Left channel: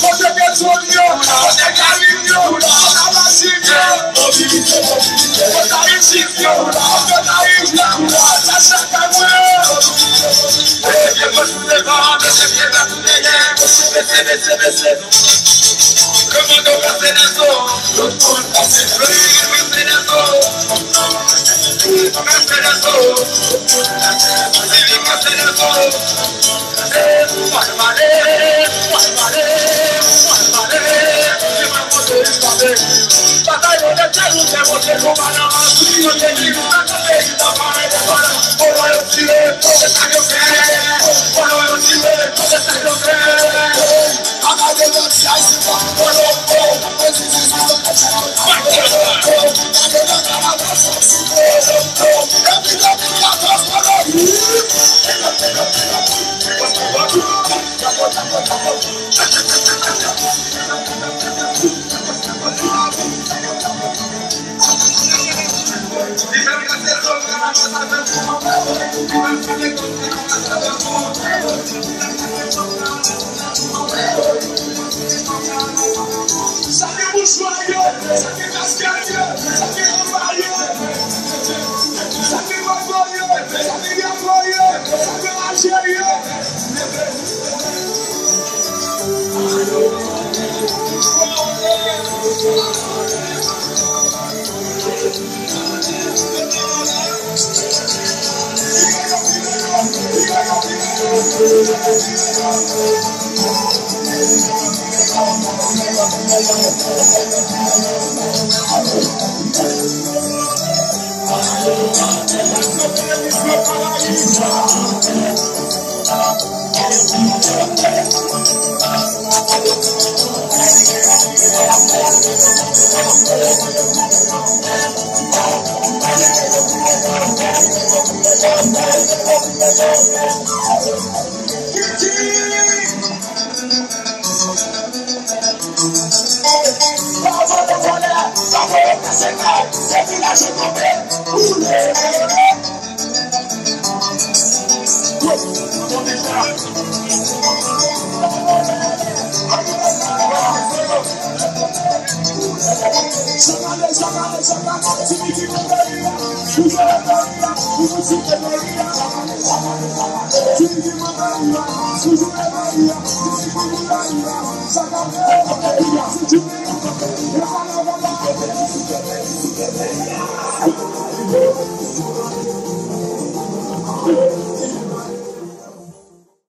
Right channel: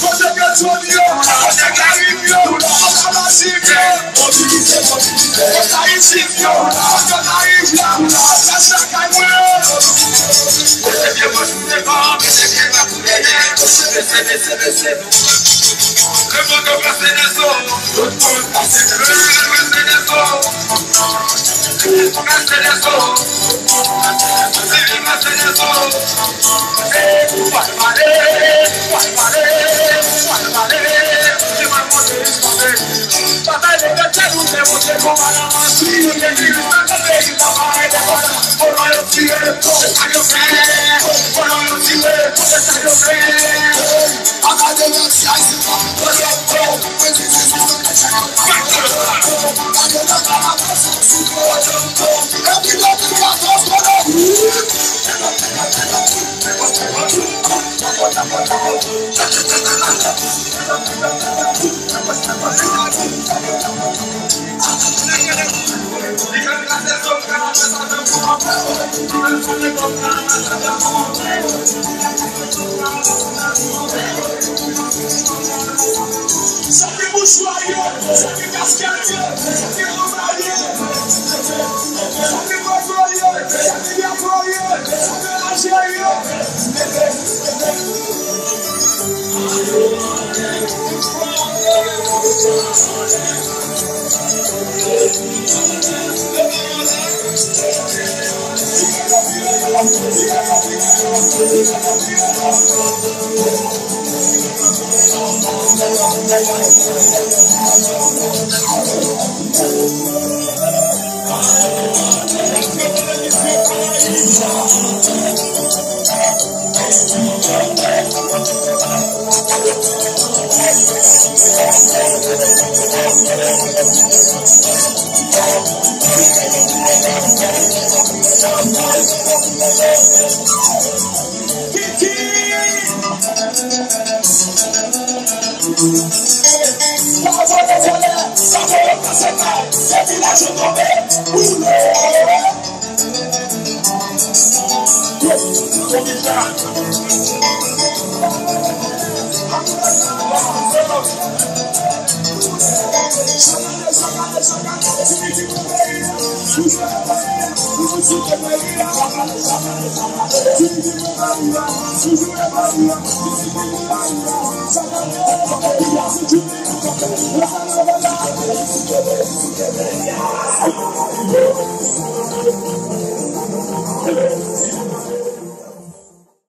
Você quer sonhar, você carinho, você lasciga, mobilizei, você insistiu, você na isla, você sacanou. Eu vou te levar, você quer me acolher, você descer. Le monde va se descendre, le monde va se Sugar,